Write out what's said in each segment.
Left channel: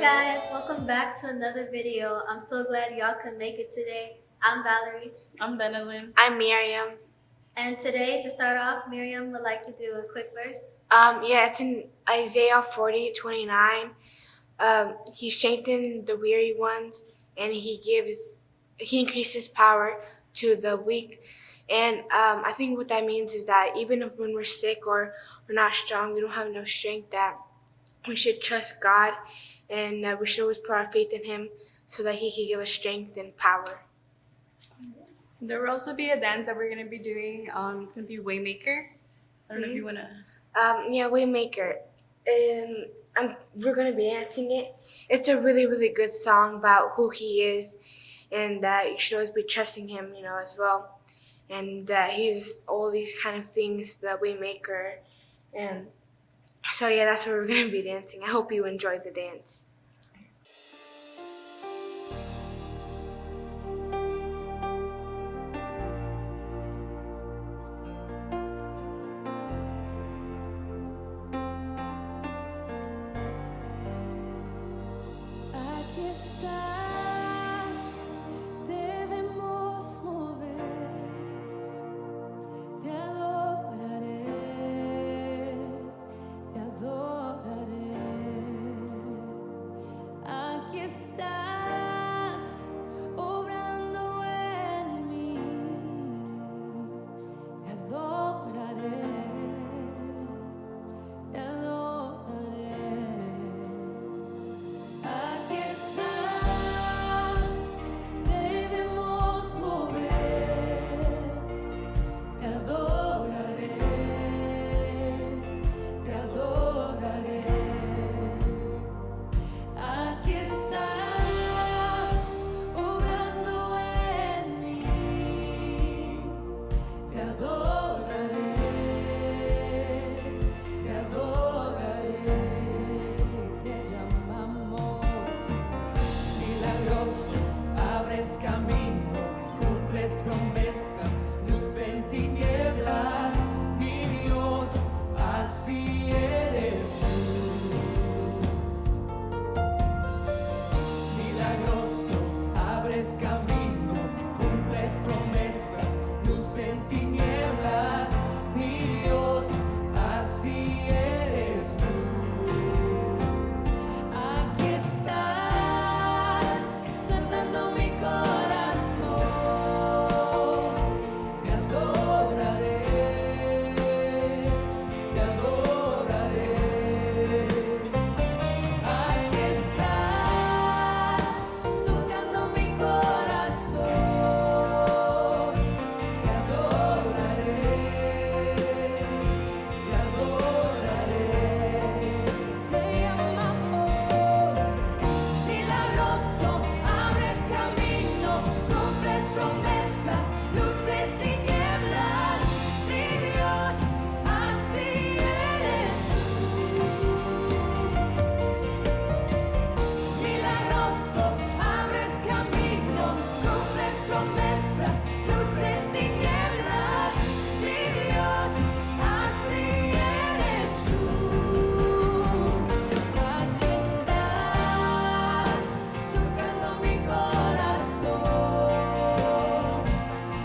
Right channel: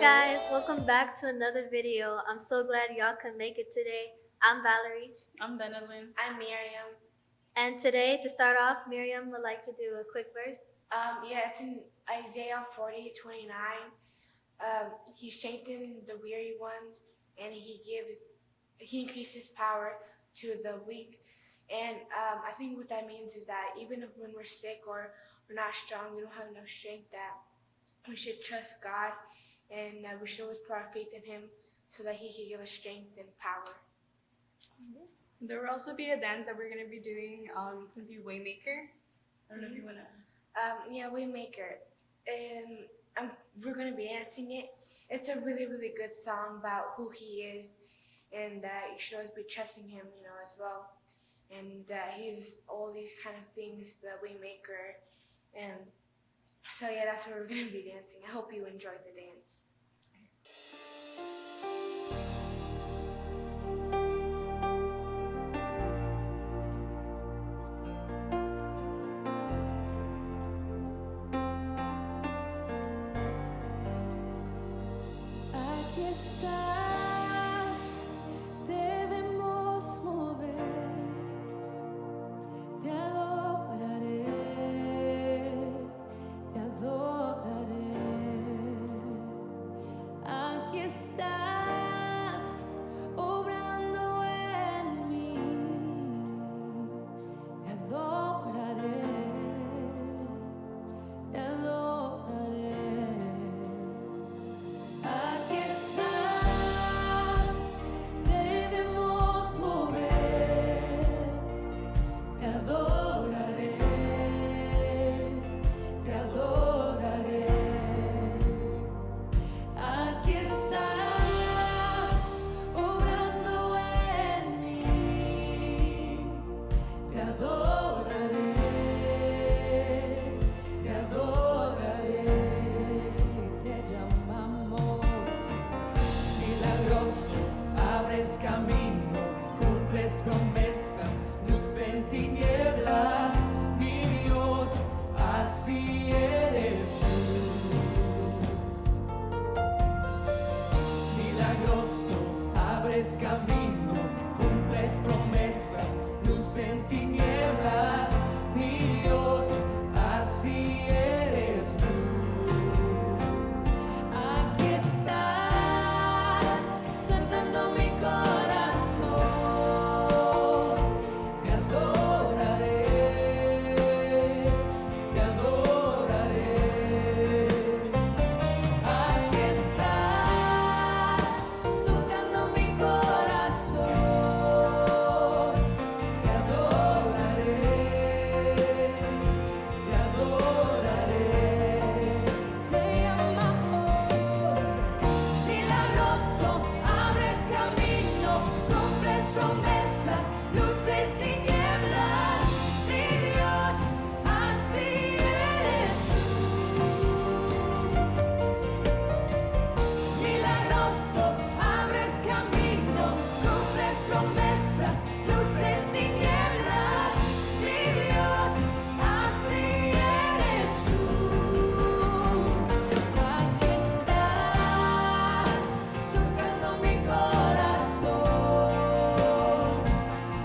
guys, welcome back to another video. I'm so glad y'all could make it today. I'm Valerie. I'm Benelin. I'm Miriam. And today, to start off, Miriam would like to do a quick verse. It's in Isaiah 40:29. He strengthened the weary ones, and he increases power to the weak. And I think what that means is that even if when we're sick or we're not strong, we don't have enough strength, that we should trust God, and we should always put our faith in Him so that He can give us strength and power. There will also be a dance that we're going to be doing. It's going to be Waymaker. I don't know if you want to... Waymaker. We're going to be dancing it. It's a really, really good song about who He is, and that you should always be trusting Him, as well. And that He's all these kind of things, the Waymaker. And so, that's what we're going to be dancing. I hope you enjoyed the dance. Aquí estás, debemos mover, te adoraré, te adoraré. Aquí estás, obrando en mí, te adoraré, te adoraré. Aquí estás, debemos mover, te adoraré, te adoraré. Aquí estás, obrando en mí, te adoraré, te adoraré. Te llamamos milagroso, abres camino, cumples promesas, luz en tinieblas, mi Dios, así eres tú. Milagroso, abres camino, cumples promesas, luz en tinieblas, mi Dios, así eres tú. Aquí estás, sanando mi corazón, te adoraré, te adoraré. Aquí estás, tocando mi corazón, te adoraré, te adoraré. Te llamamos milagroso, abres camino, cumples promesas, luz en tinieblas, mi Dios, así eres tú. Milagroso, abres camino, cumples promesas, luz en tinieblas, mi Dios, así eres tú. Aquí estás, tocando mi corazón,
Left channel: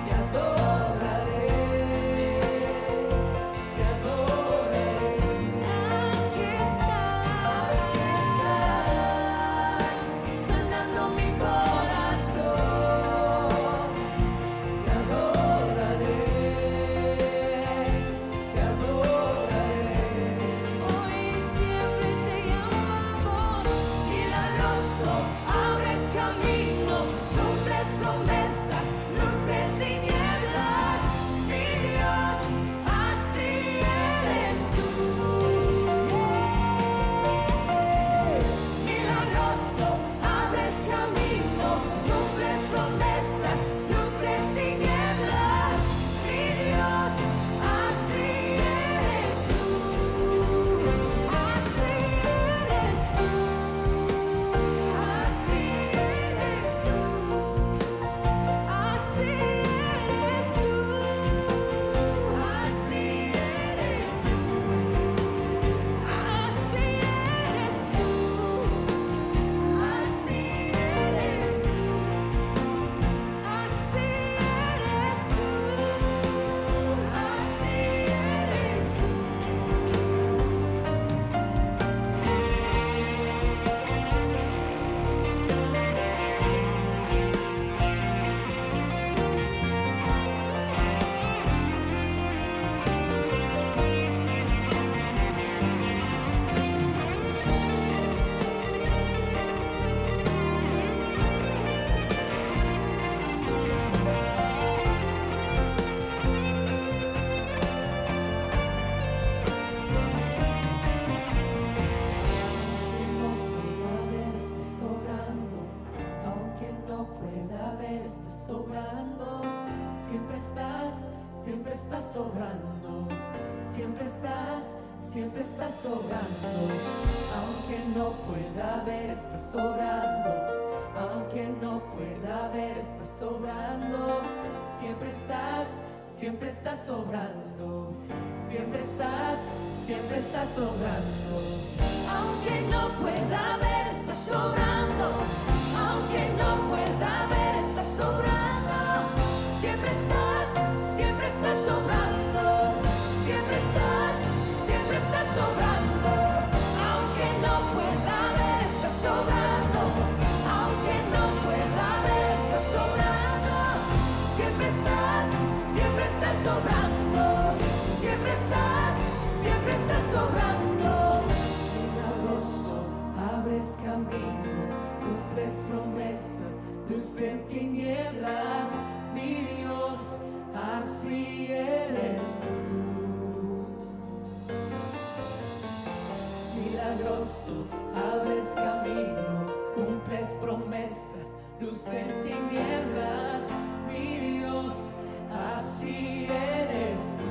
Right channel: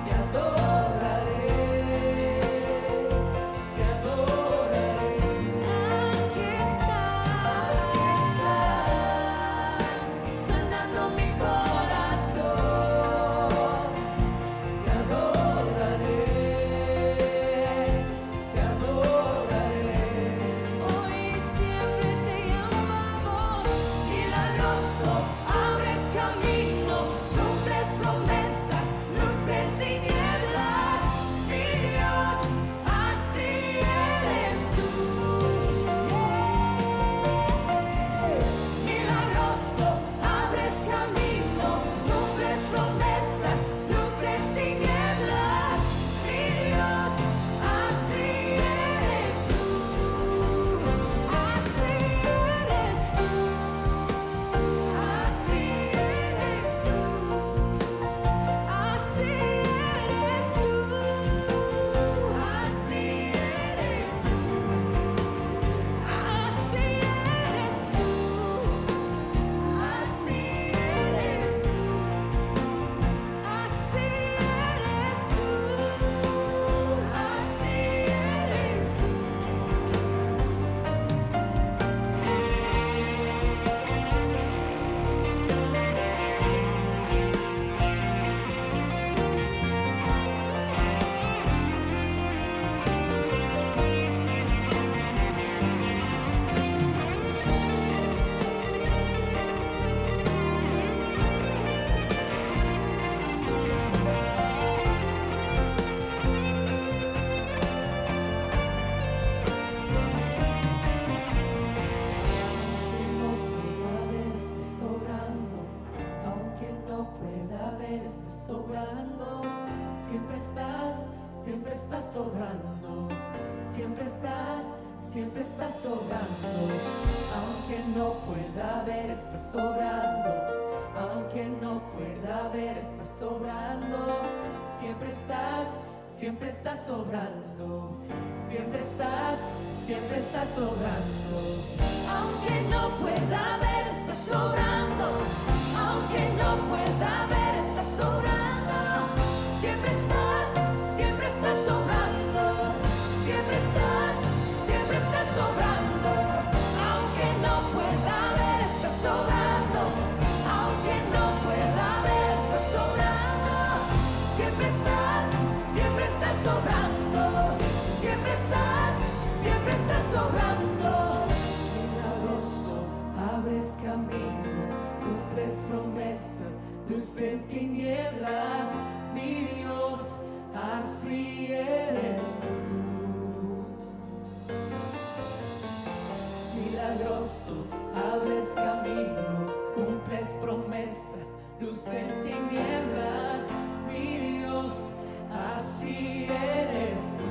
te adoraré, te adoraré. Aquí estás, sanando mi corazón, te adoraré, te adoraré. Hoy y siempre te llamamos milagroso, abres camino, cumples promesas, luz en tinieblas, mi Dios, así eres tú. Milagroso, abres camino, cumples promesas, luz en tinieblas, mi Dios, así eres tú, así eres tú, así eres tú. siempre estás sobrando, siempre estás sobrando, aunque no pueda ver, estás sobrando, aunque no pueda ver, estás sobrando, siempre estás sobrando, siempre estás sobrando, aunque no pueda ver, estás sobrando, aunque no pueda ver, estás sobrando, siempre estás sobrando, siempre estás sobrando, aunque no pueda ver, estás sobrando, aunque no pueda ver, estás sobrando, siempre estás sobrando, siempre estás sobrando, milagroso, abres camino, cumples promesas, luz en tinieblas, mi Dios, así eres tú. Milagroso, abres camino, cumples promesas, luz en tinieblas, mi Dios, así eres tú.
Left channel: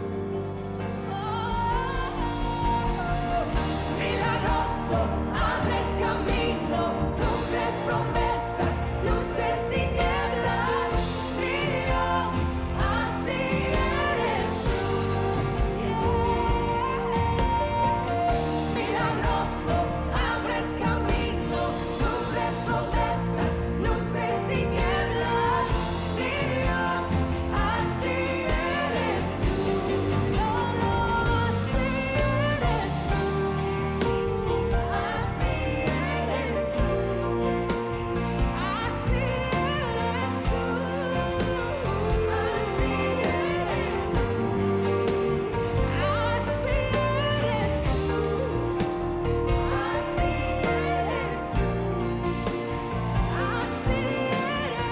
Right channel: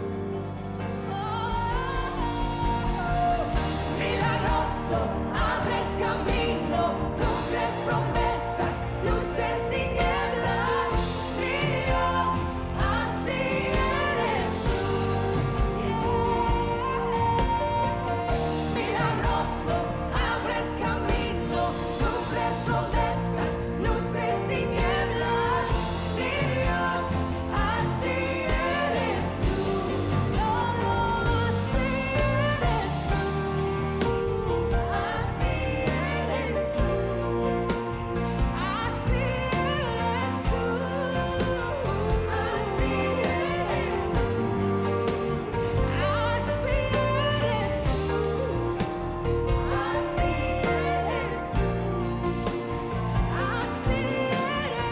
Milagroso, abres camino, cumples promesas, luz en tinieblas, mi Dios, así eres tú. Milagroso, abres camino, cumples promesas, luz en tinieblas, mi Dios, así eres tú. Solo así eres tú. Así eres tú. Así eres tú. Así eres tú. Así eres tú. Así eres tú.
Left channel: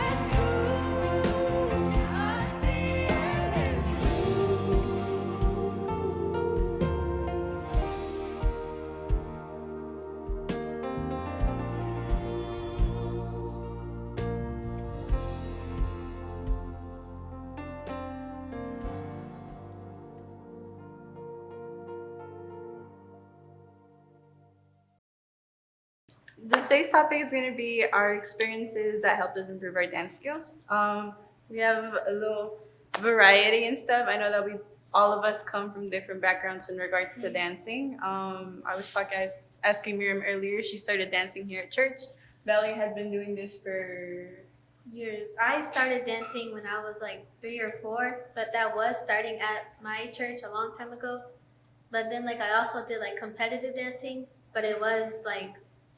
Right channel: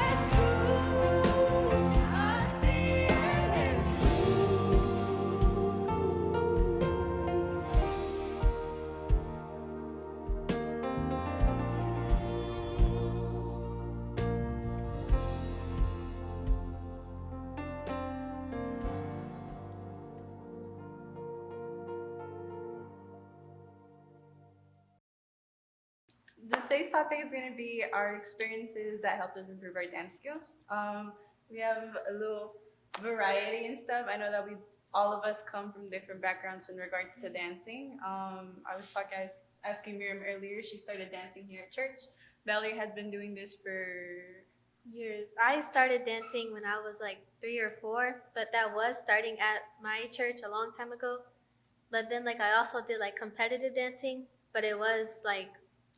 Así eres Today's topic is going to be our experiences that helped us improve our dance skills. We have a little variety and stuff. I know that all of us come from different backgrounds in regards to dancing. I was asking Miriam earlier. She started dancing here at church. Valerie has been doing this for Years. I started dancing when I was like 3 or 4, but that was starting at my church a long time ago. But then like I also did like competitive dancing, but it was like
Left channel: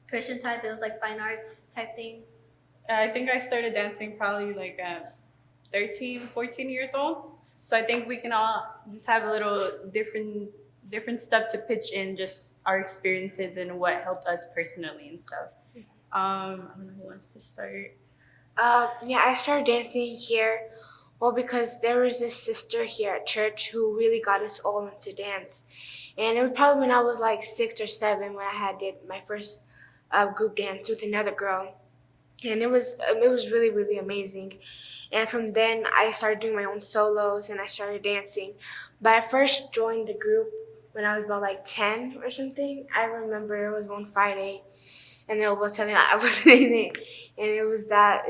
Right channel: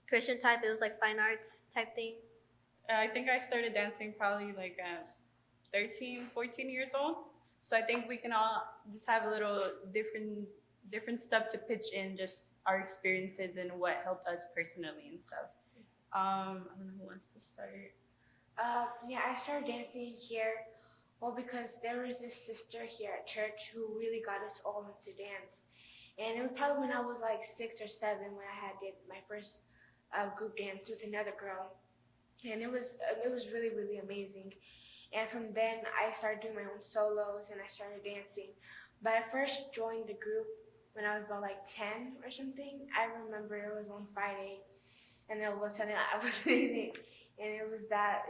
Christian type. It was like fine arts type thing. I think I started dancing probably like at 13, 14 years old. So I think we can all just have a little different stuff to pitch in, just our experiences and what helped us personally and stuff. I don't know who wants to start. Yeah, I started dancing here, well, because there was this sister here at church who really got us all into dance. And it was probably when I was like 6 or 7 when I did my first group dance with another girl. And it was really, really amazing. And from then I started doing my own solos and I started dancing. But I first joined the group when I was about like 10 or something. I remember it was one Friday, and then all of a sudden I was in it, and it was that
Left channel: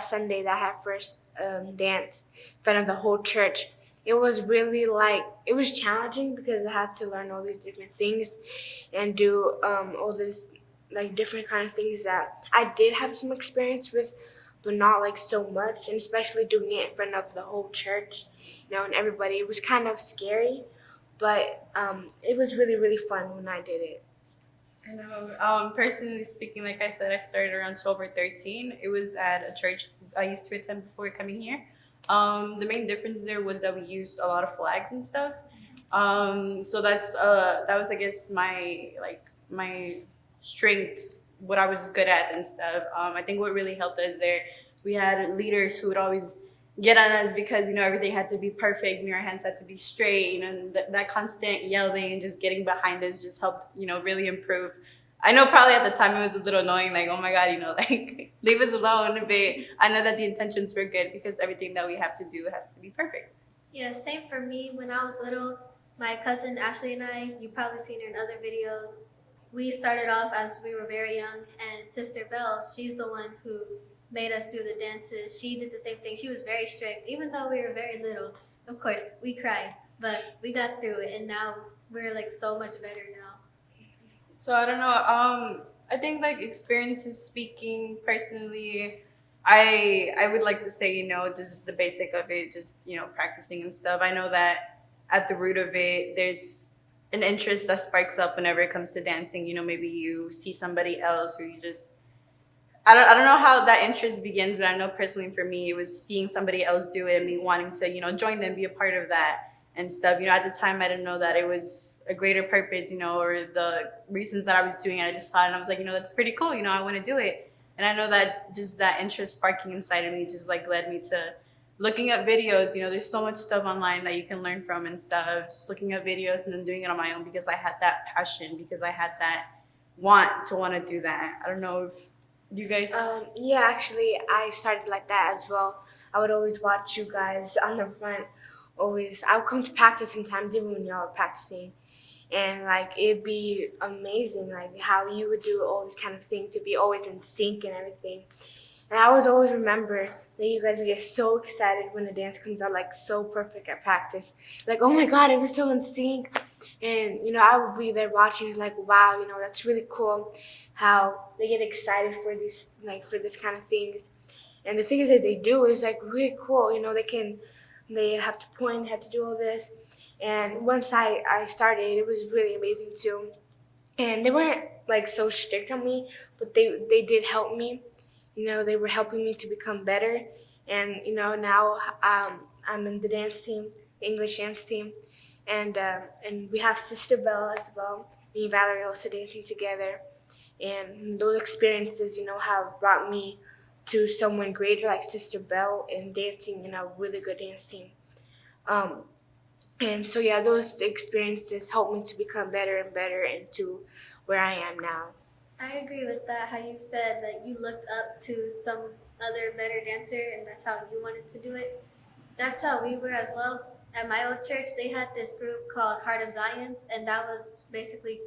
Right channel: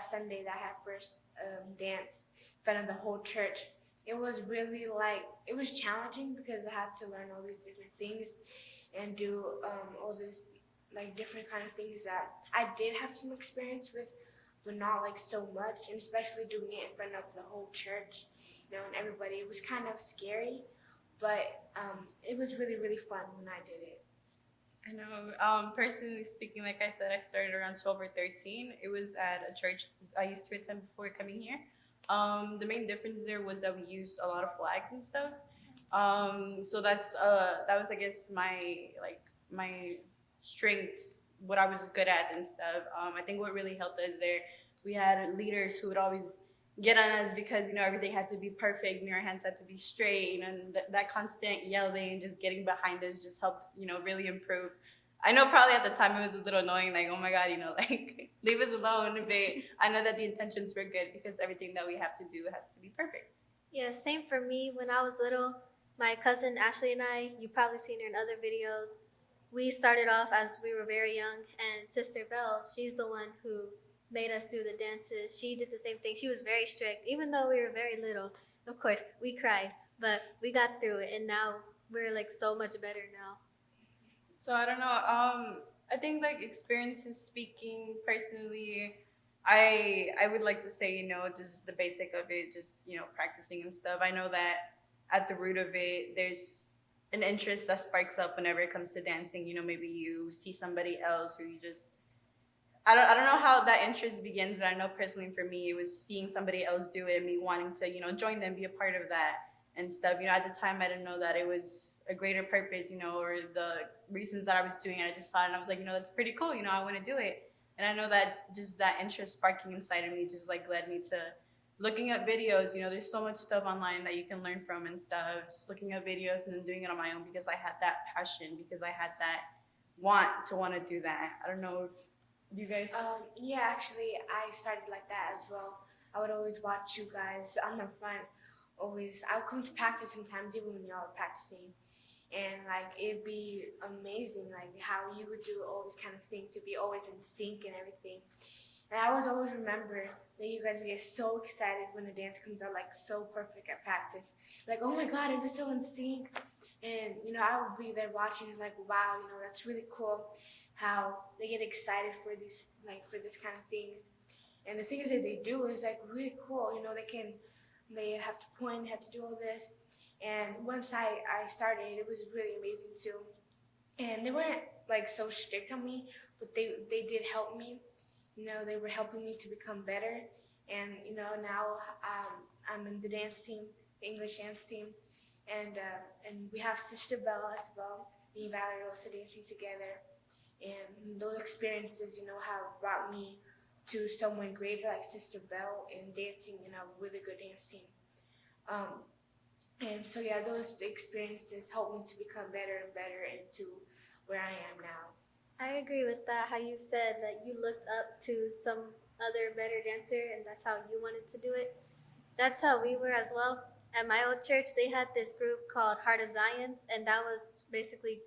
Sunday that I had first dance in front of the whole church. It was really it was challenging because I had to learn all these different things and do all this like different kind of things that I did have some experience with, but not like so much, and especially doing it in front of the whole church, and everybody. It was kind of scary, but it was really, really fun when I did it. I know, personally speaking, like I said, I started around 12 or 13. It was at a church I used to attend before coming here. The main difference there was that we used a lot of flags and stuff. So that was, I guess, my strength, what I was good at and stuff. I think what really helped us there, we had leaders who would always get on us because, everything had to be perfect, our hands had to be straight, and that constant yelling and just getting behind us just helped, really improve. I know probably at the time it was a little annoying, like, oh my God, leave us alone, but I know that the intentions were good because everything that we have to do has to be perfect. Yeah, same for me. When I was little, my cousin Ashley and I, you've probably seen her in other videos, we started off as we were very young, and Sister Belle, she's the one who made us do the dances. She did the same thing. She was very strict, even though we were very little. Of course, we cried, but we got through it, and now we're like so much better now. So I don't know. I think like experiences speaking personally, I would like to say, you know, just the basic of it, just, you know, practicing and stuff. I know that at the root of it, there's an interest that sparks up whenever it comes to dancing. You know, maybe you see somebody else, or you just I don't know how that interest begins, but I know personally for me, it was seeing somebody else do it and me wanting to, you know, join them, be a part of that and stuff. You know, at the time, I didn't know that it was a greater purpose, you know, or the reasons that I was doing it. I just saw it and I was like, you know, that's pretty cool. You know, I want to do it. And I know that just that interest sparking inside of me just like led me to looking at videos. You know, there's so much stuff online that you can learn from and stuff. Just looking at videos and then doing it on my own because I had that passion, because I had that want to do that. I don't know if you guys. Yeah, actually, I started like that as well. I would always watch you guys on the front. Always, I would come to practice sometimes even when y'all were practicing, and like it'd be amazing, like how you would do all this kind of thing to be always in sync and everything. And I always remember that you guys would get so excited when the dance comes out like so perfect at practice. Like, oh my God, it was so in sync. And, you know, I would be there watching, it's like, wow, you know, that's really cool how they get excited for these, like, for this kind of things. And the things that they do is like really cool. You know, they have to point, they have to do all this. And once I started, it was really amazing too. And they weren't like so strict on me, but they did help me. You know, they were helping me to become better. And, you know, now I'm in the dance team, the English dance team. And we have Sister Belle as well. Me and Valerie also dancing together. And those experiences, you know, have brought me to someone greater like Sister Belle and dancing in a really good dance team. And so, yeah, those experiences helped me to become better and better into where I am now. I agree with that, how you said that you looked up to some other better dancer and that's how you wanted to do it. That's how we were as well. At my old church, they had this group called Heart of Zions, and that was basically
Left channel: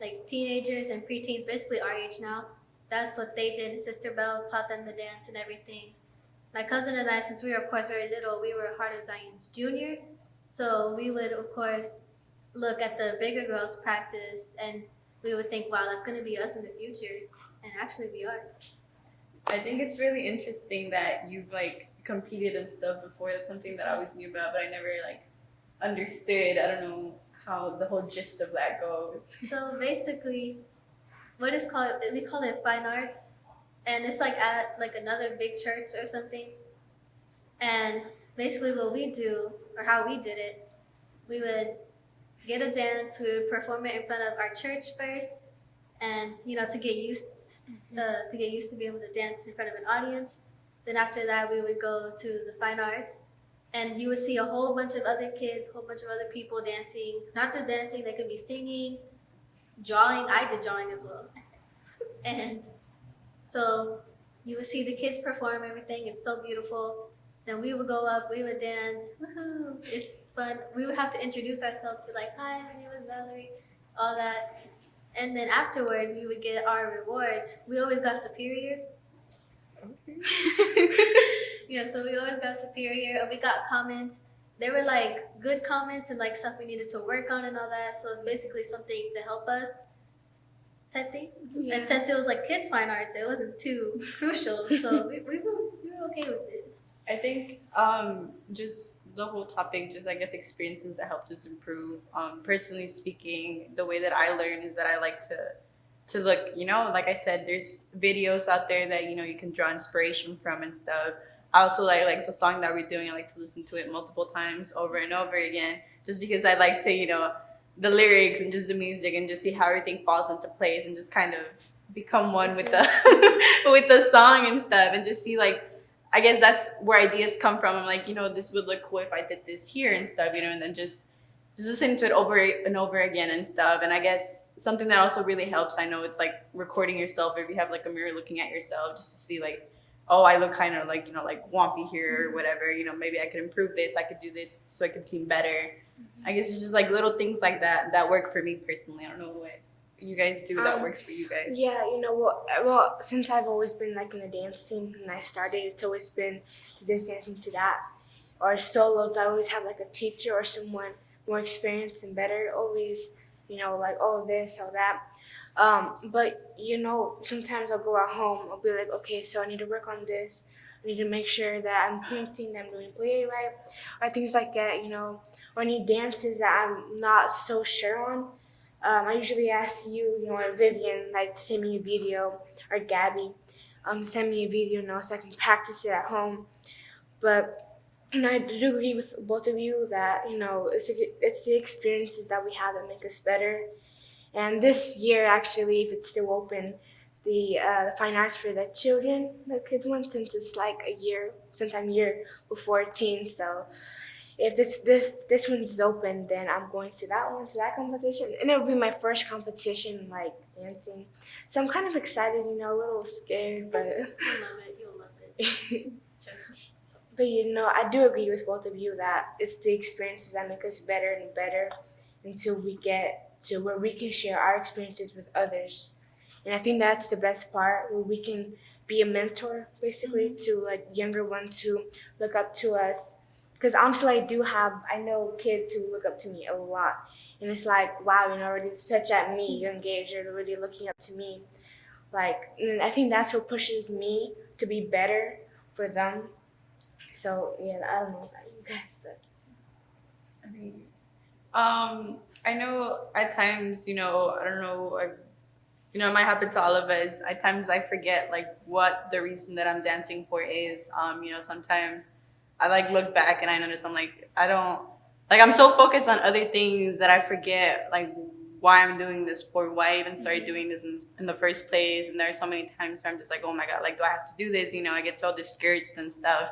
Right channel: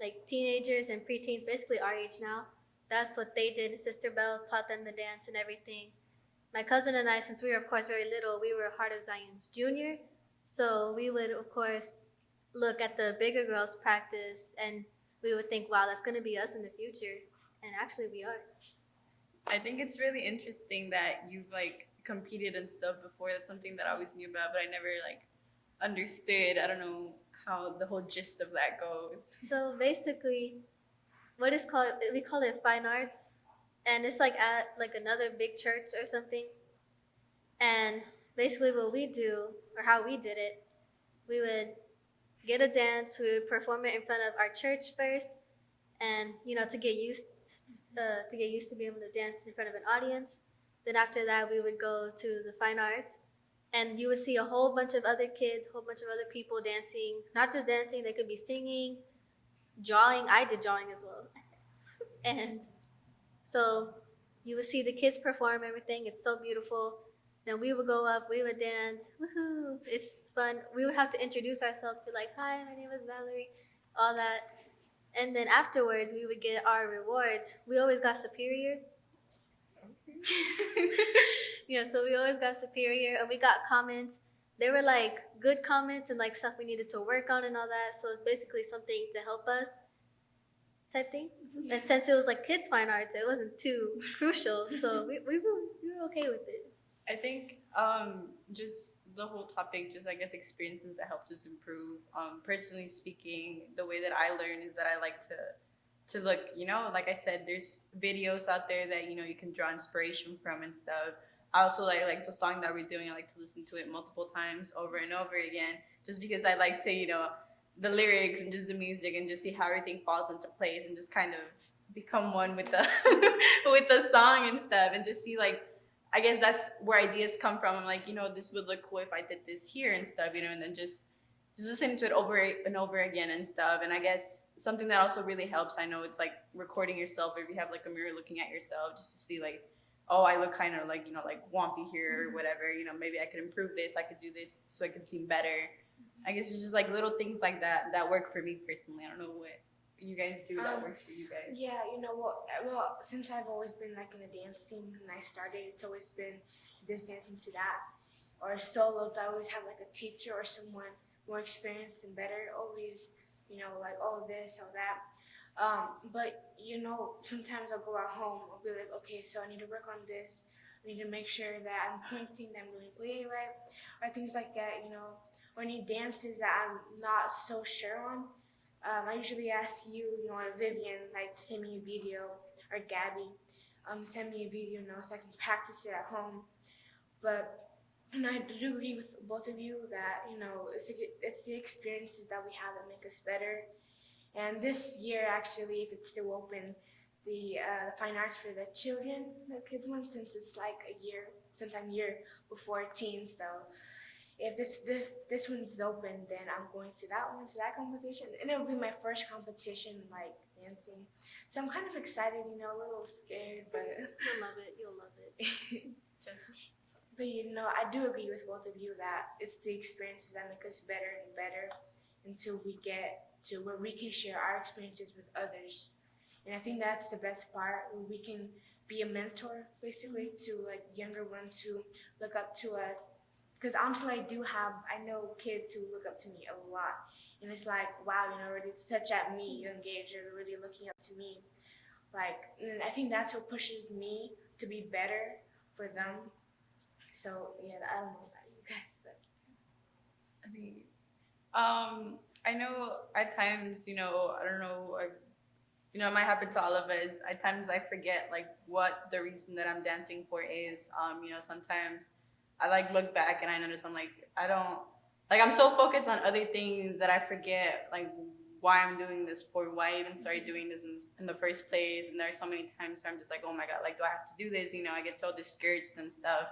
like teenagers and preteens, basically our age now. That's what they did. Sister Belle taught them the dance and everything. My cousin and I, since we were, of course, very little, we were Heart of Zions Junior. So we would, of course, look at the bigger girls practice and we would think, wow, that's going to be us in the future. And actually, we are. I think it's really interesting that you've like competed and stuff before. That's something that I always knew about, but I never like understood. I don't know how the whole gist of that goes. So basically, what is called, we call it fine arts. And it's like at like another big church or something. And basically what we do, or how we did it, we would get a dance, we would perform it in front of our church first, and you know, to get used to be able to dance in front of an audience. Then after that, we would go to the fine arts, and you would see a whole bunch of other kids, a whole bunch of other people dancing. Not just dancing; they could be singing, drawing. I did drawing as well, and so you would see the kids perform everything. It's so beautiful. Then we would go up, we would dance. Woohoo! It's fun. We would have to introduce ourselves, be like, "Hi, my name is Valerie," all that. And then afterwards, we would get our rewards. We always got superior. Yeah, so we always got superior. And we got comments. They were like good comments and like stuff we needed to work on and all that. So it's basically something to help us type thing. Yeah. And since it was like kids fine arts, it wasn't too crucial. So we were okay with it. I think just the whole topic, just I guess experiences that helped us improve. Personally speaking, the way that I learn is that I like to look, you know, like I said, there's videos out there that, you know, you can draw inspiration from and stuff. I also like the song that we're doing, I like to listen to it multiple times over and over again, just because I like to, you know, the lyrics and just the music and just see how everything falls into place and just kind of become one with the with the song and stuff, and just see like, I guess that's where ideas come from. I'm like, you know, this would look cool if I did this here and stuff, you know, and then just listening to it over and over again and stuff. And I guess something that also really helps, I know it's like recording yourself, if you have like a mirror looking at yourself, just to see like oh, I look kind of like, like wompy here or whatever, maybe I could improve this, I could do this so I could seem better. I guess it's just like little things like that work for me personally. I don't know what you guys do that works for you guys. Yeah, well, since I've always been like in a dance team when I started, it's always been to this dancing to that. Or solos, I always have like a teacher or someone more experienced and better, always, like, oh, this or that. But, sometimes I'll go at home, I'll be like, okay, so I need to work on this. I need to make sure that I'm pointing, that I'm doing plie right, or things like that, or any dances that I'm not so sure on. I usually ask you, or Vivian, like, to send me a video, or Gabby, send me a video, so I can practice it at home. But I do agree with both of you that it's the experiences that we have that make us better. And this year, actually, if it's still open, the fine arts for the children, the kids one, since it's like sometime a year before teen. So if this one's open, then I'm going to that competition, and it'll be my first competition like dancing. So I'm kind of excited, a little scared, but You'll love it. Trust me. But I do agree with both of you that it's the experiences that make us better and better until we get to where we can share our experiences with others. And I think that's the best part, where we can be a mentor basically to like younger ones who look up to us. Because honestly, I know kids who look up to me a lot. And it's like, wow, already such at me, young age, you're already looking up to me. Like, and I think that's what pushes me to be better for them. So yeah, I don't know about you guys, but I know at times, I don't know, it might happen to all of us. At times I forget like what the reason that I'm dancing for is. Sometimes I like look back and I notice I'm like, I'm so focused on other things that I forget like why I'm doing this for, why I even started doing this in the first place. And there are so many times where I'm just like, oh my God, like, do I have to do this? I get so discouraged and stuff.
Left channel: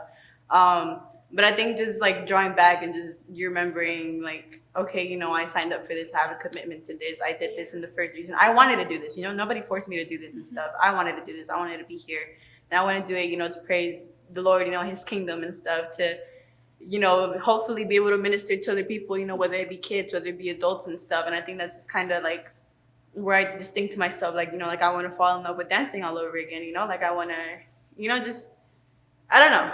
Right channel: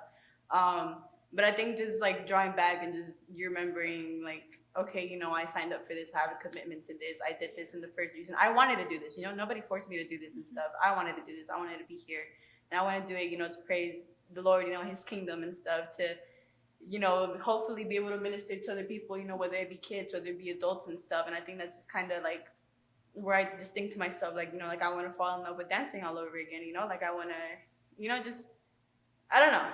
But I think just like drawing back and just you remembering like, okay, I signed up for this, I have a commitment to this, I did this in the first reason. I wanted to do this, nobody forced me to do this and stuff. I wanted to do this, I wanted to be here. And I want to do it, to praise the Lord, his kingdom and stuff, to, hopefully be able to minister to other people, whether it be kids, whether it be adults and stuff. And I think that's just kind of like where I just think to myself, like, like I want to fall in love with dancing all over again, like I want to, just, I don't know.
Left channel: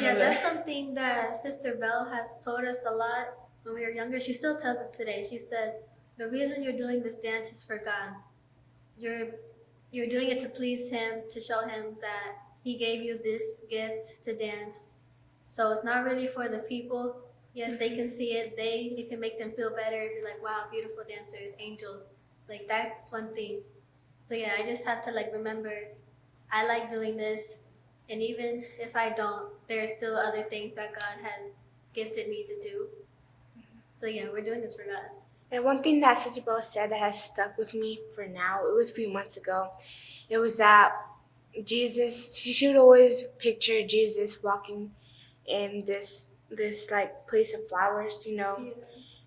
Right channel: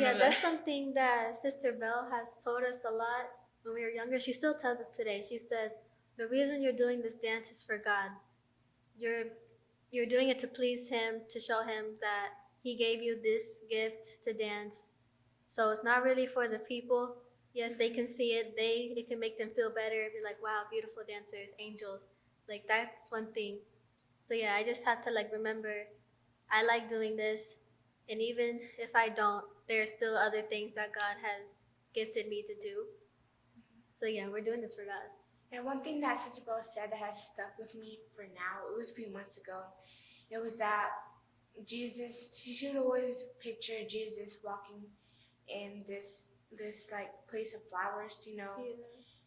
Yeah, that's something that Sister Belle has told us a lot when we were younger. She still tells us today. She says, the reason you're doing this dance is for God. You're doing it to please Him, to show Him that He gave you this gift to dance. So it's not really for the people. Yes, they can see it. It can make them feel better. Be like, wow, beautiful dancers, angels. Like, that's one thing. So yeah, I just have to like remember, I like doing this. And even if I don't, there are still other things that God has gifted me to do. So yeah, we're doing this for God. And one thing that Sister Belle said that has stuck with me for now, it was a few months ago, it was that Jesus, she would always picture Jesus walking in this like place of flowers, Yeah.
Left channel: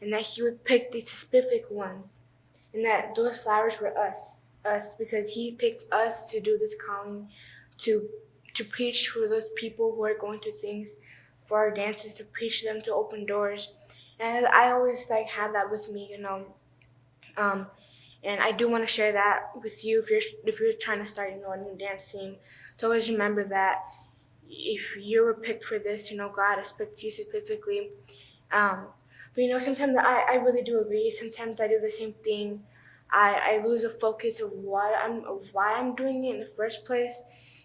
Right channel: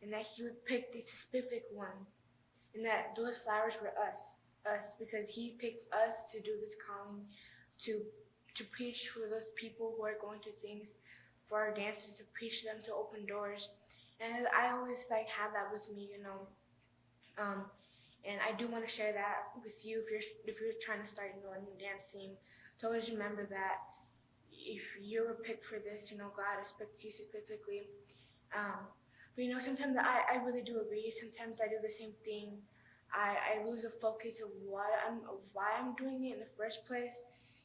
and that He would pick the specific ones, and that those flowers were us, because He picked us to do this calling, to preach for those people who are going through things, for our dances, to preach them, to open doors. And I always like have that with me, and I do want to share that with you if you're trying to start, a new dance team. To always remember that if you were picked for this, God has picked you specifically. But sometimes I really do agree. Sometimes I do the same thing. I lose a focus of why I'm doing it in the first place.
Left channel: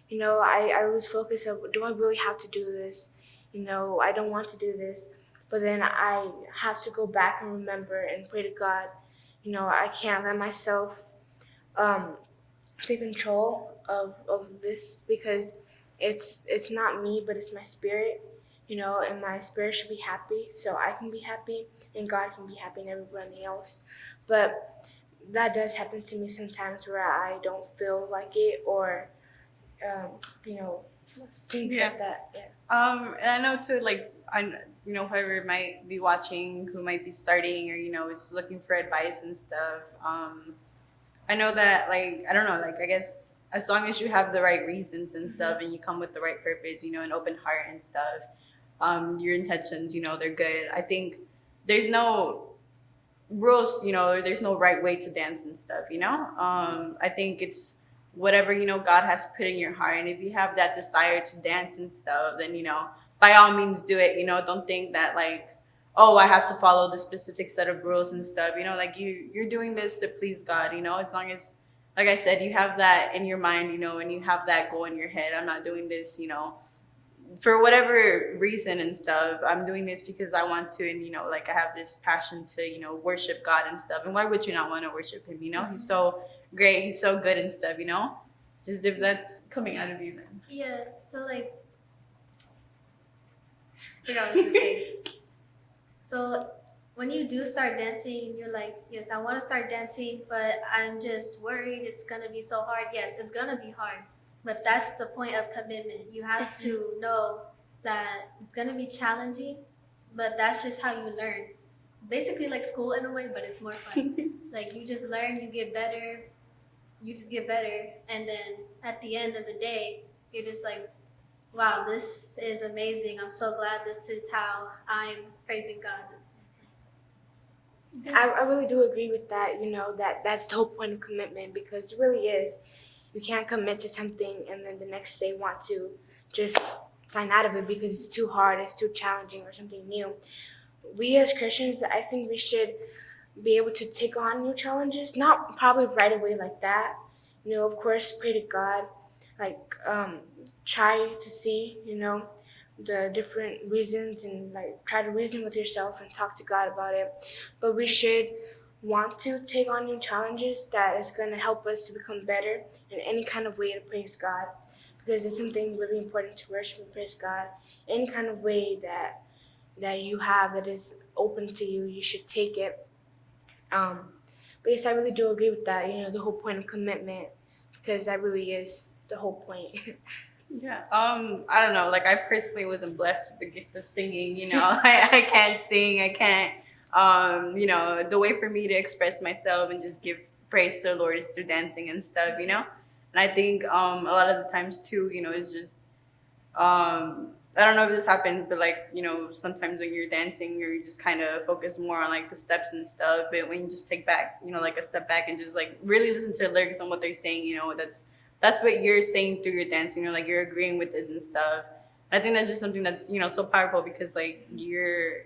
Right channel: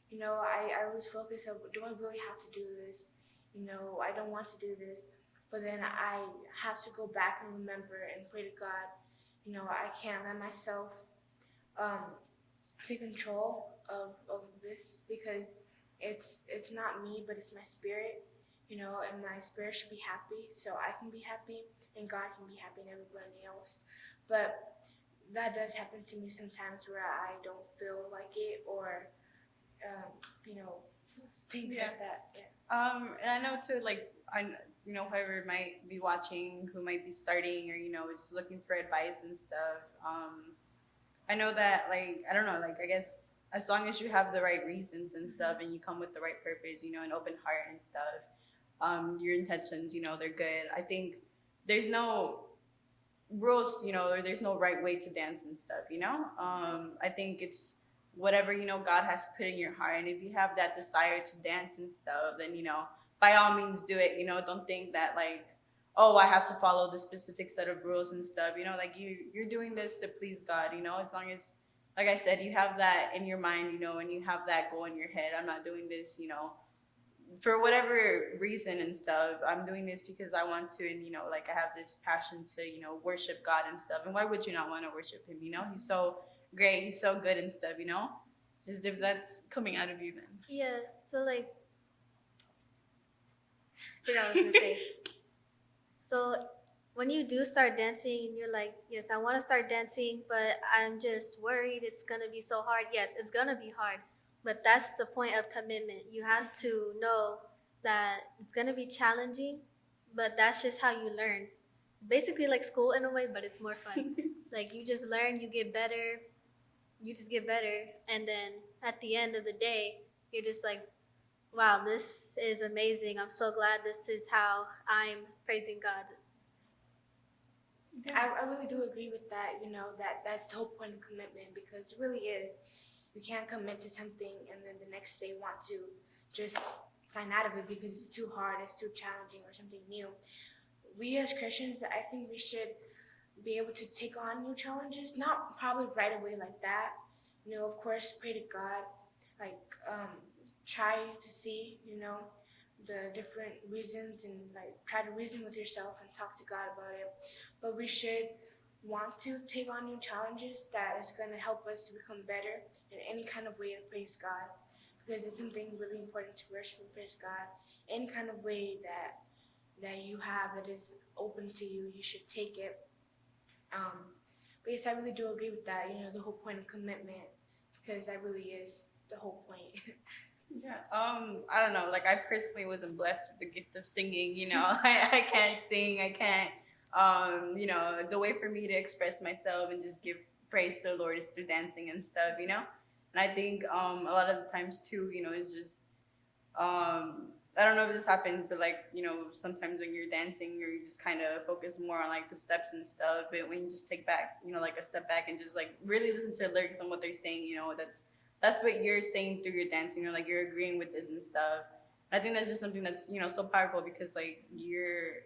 I lose focus of, do I really have to do this? I don't want to do this. But then I have to go back and remember and pray to God. I can't let myself take control of this, because it's not me, but it's my spirit, and my spirit should be happy, so I can be happy, and God can be happy, and everybody else. But that does happen to me sometimes where I don't feel like it, or things like that. Yeah. And I know too, like, whoever might be watching, who might be starting, or is looking for advice and stuff. I know that, like, I don't know, like, I guess as long as you have the right reasons and stuff, and you come with the right purpose, you know, an open heart and stuff, your intentions, you know, they're good. I think there's no rules, you know, there's no right way to dance and stuff, you know. I think it's whatever, you know, God has put in your heart, and if you have that desire to dance and stuff, then, you know, by all means do it. You know, don't think that like, oh, I have to follow the specific set of rules and stuff, you know, like you're doing this to please God, you know, as long as, like I said, you have that in your mind, you know, and you have that goal in your head. I'm not doing this, you know, for whatever reason and stuff. I'm doing this because I want to, and, you know, like I have this passion to, you know, worship God and stuff. And why would you not want to worship him? You know, he's so great, he's so good and stuff, you know. Just if that's coming out of you, then. Yeah. So like, I forgot what I was gonna say. So when you do start dancing, you're like, yes, I want to start dancing, but I'm just worried it's gonna be so hard. Yes, it's gonna be hard, but that's the point of commitment. You have to know that it's gonna be challenging, but that's just how you learn. Basically like school in a way, but it's more fun. Like you just learn, you get better, you just get better, and then at the end of the day, you're just like, wow, this is amazing. I'm so glad this is how I'm praising God. I really do agree with that. You know, that's the whole point of commitment, because it really is. You can't commit to something and then the next day want to just sign out of it because it's too hard, it's too challenging, or something new. We as Christians, I think we should be able to take on new challenges, not probably right away like that. You know, of course, pray to God, like try to see, you know, the different reasons, and like try to reason with yourself and talk to God about it. But we should want to take on new challenges that is going to help us to become better in any kind of way to praise God, because it's something really important to worship and praise God. Any kind of way that you have that is open to you, you should take it. But yes, I really do agree with that. You know, the whole point of commitment, because that really is the whole point. Yeah. I don't know. Like I personally wasn't blessed with the gift of singing. You know, I can't sing. I can't. You know, the way for me to express myself and just give praise to the Lord is through dancing and stuff. You know, and I think a lot of the times too, you know, it's just I don't know if this happens, but like, you know, sometimes when you're dancing, you're just kind of focused more on like the steps and stuff. But when you just take back, you know, like a step back and just like really listen to the lyrics and what they're saying, you know, that's what you're saying through your dancing. You're like, you're agreeing with this and stuff. I think that's just something that's, you know, so powerful, because like you're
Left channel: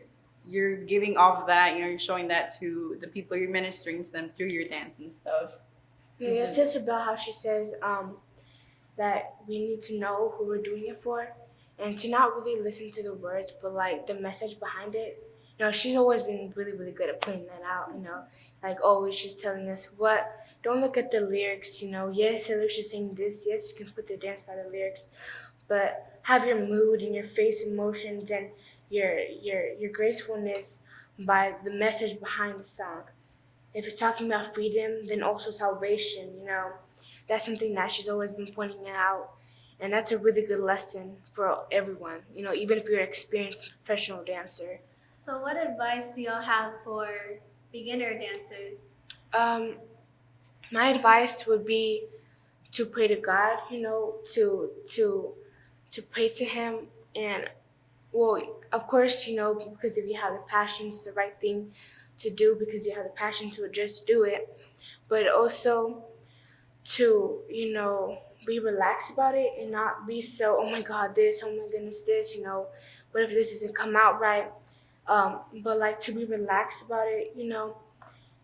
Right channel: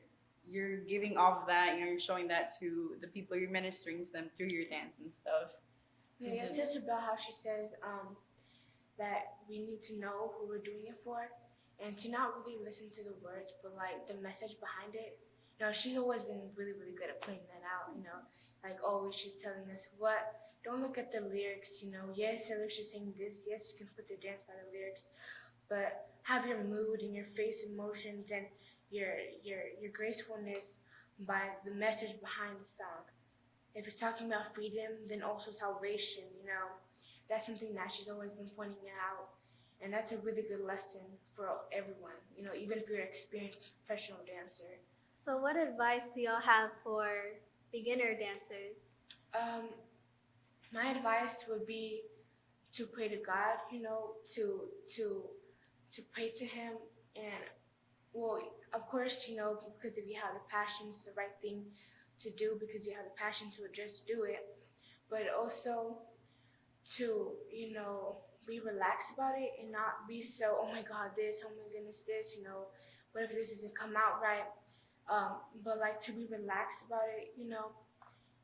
giving off that, you know, you're showing that to the people you're ministering to them through your dance and stuff. Yeah, it's just about how she says that we need to know who we're doing it for, and to not really listen to the words, but like the message behind it. You know, she's always been really, really good at playing that out. You know, like always she's telling us what. Don't look at the lyrics. You know, yes, the lyrics are saying this. Yes, you can put the dance by the lyrics, but have your mood and your face emotions and your gracefulness by the message behind the song. If it's talking about freedom, then also salvation. You know, that's something that she's always been pointing out. And that's a really good lesson for everyone, you know, even if you're an experienced professional dancer. So what advice do y'all have for beginner dancers? My advice would be to pray to God, you know, to pray to Him. And, well, of course, you know, because if you have the passion, it's the right thing to do, because you have the passion to just do it. But also to, you know, be relaxed about it and not be so, oh my God, this, oh my goodness, this, you know, what if this doesn't come out right? But like to be relaxed about it, you know,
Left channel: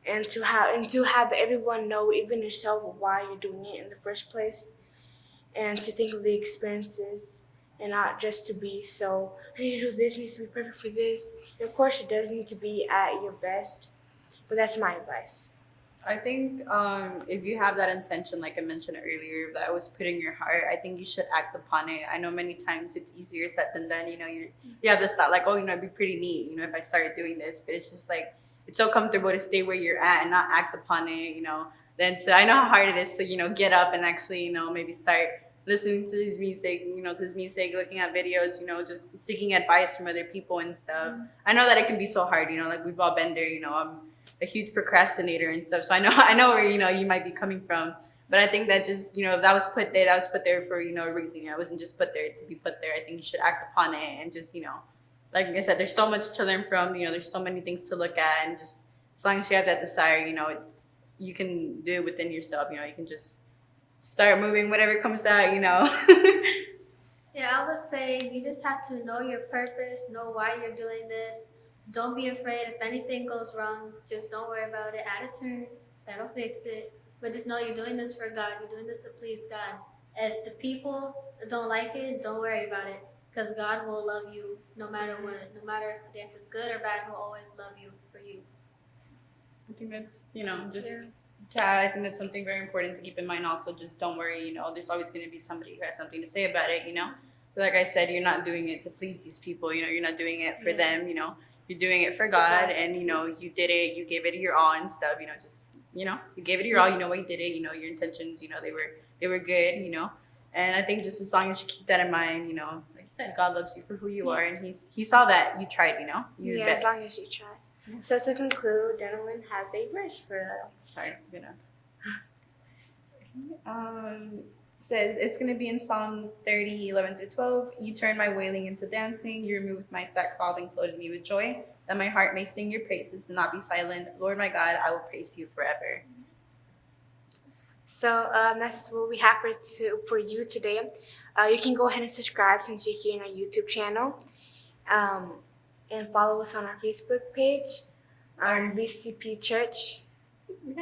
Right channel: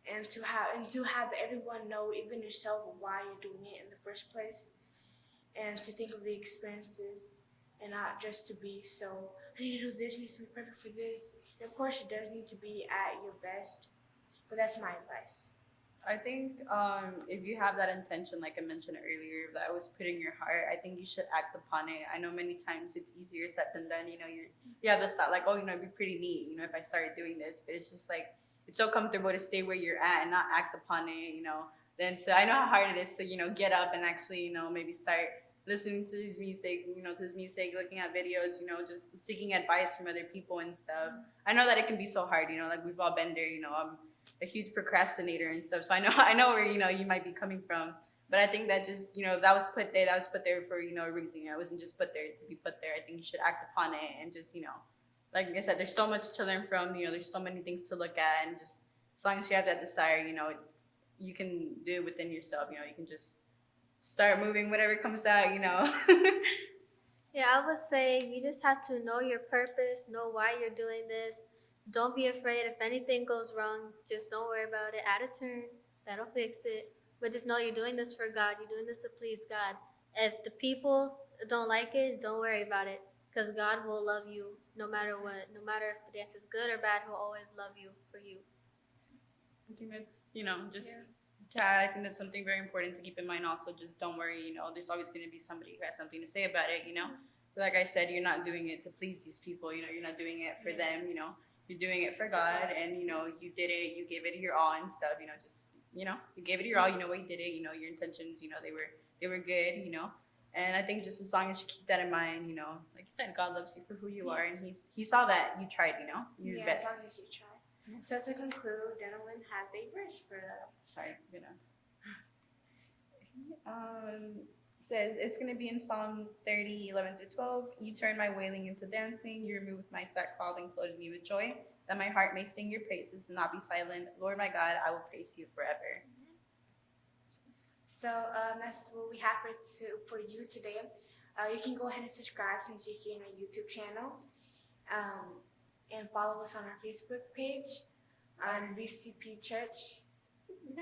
and to have everyone know, even yourself, why you're doing it in the first place, and to think of the experiences and not just to be so, I need to do this, it needs to be perfect for this. And of course, it does need to be at your best, but that's my advice. I think if you have that intention, like I mentioned earlier, that was put in your heart, I think you should act upon it. I know many times it's easier said than done. You know, you have this thought like, oh, you know, it'd be pretty neat, you know, if I started doing this. But it's just like, it's so comfortable to stay where you're at and not act upon it, you know. Then I know how hard it is to, you know, get up and actually, you know, maybe start listening to his music, you know, looking at videos, you know, just seeking advice from other people and stuff. I know that it can be so hard, you know, like we've all been there, you know. I'm a huge procrastinator and stuff, so I know where, you know, you might be coming from. But I think that just, if that was put there, that was put there for, a reason. It wasn't just put there to be put there. I think you should act upon it and just, like I said, there's so much to learn from, there's so many things to look at, and just as long as you have that desire, you can do it within yourself, you can just start moving whatever comes out. Yeah, I would say you just have to know your purpose, know why you're doing this. Don't be afraid. If anything goes wrong, just don't worry about it. Add a turn. That'll fix it. But just know you're doing this for God. You're doing this to please God. If the people don't like it, don't worry about it. Because God will love you no matter what. No matter if the dance is good or bad, He'll always love you for you. I think that's, I think that's something very important to keep in mind. Also, just don't worry, there's always going to be somebody who has something to say about it, But like I said, you're not doing it to please these people, you're not doing it for them, you're doing it for God, and, you did it, you gave it your all and stuff, just, you gave it your all, why you did it, your intentions, they were good, and I think just as long as you keep that in mind, like I said, God loves you for who you are, and he saw that you tried, you did Yeah, best. as long as you try. So to conclude, Gentleman has a verse for us. Sorry, says it's going to be in Psalms 30:11-12. You turn my wailing into dancing. You removed my sackcloth and clothed me with joy, that my heart may sing your praises and not be silent. Lord my God, I will praise you forever. So that's what we have for you today. You can go ahead and subscribe since you're here on our YouTube channel. And follow us on our Facebook page, on VCP Church,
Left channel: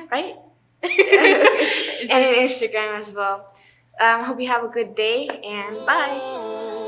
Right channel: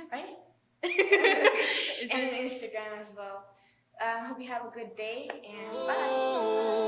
right? And Instagram as well. Hope you have a good day, and bye.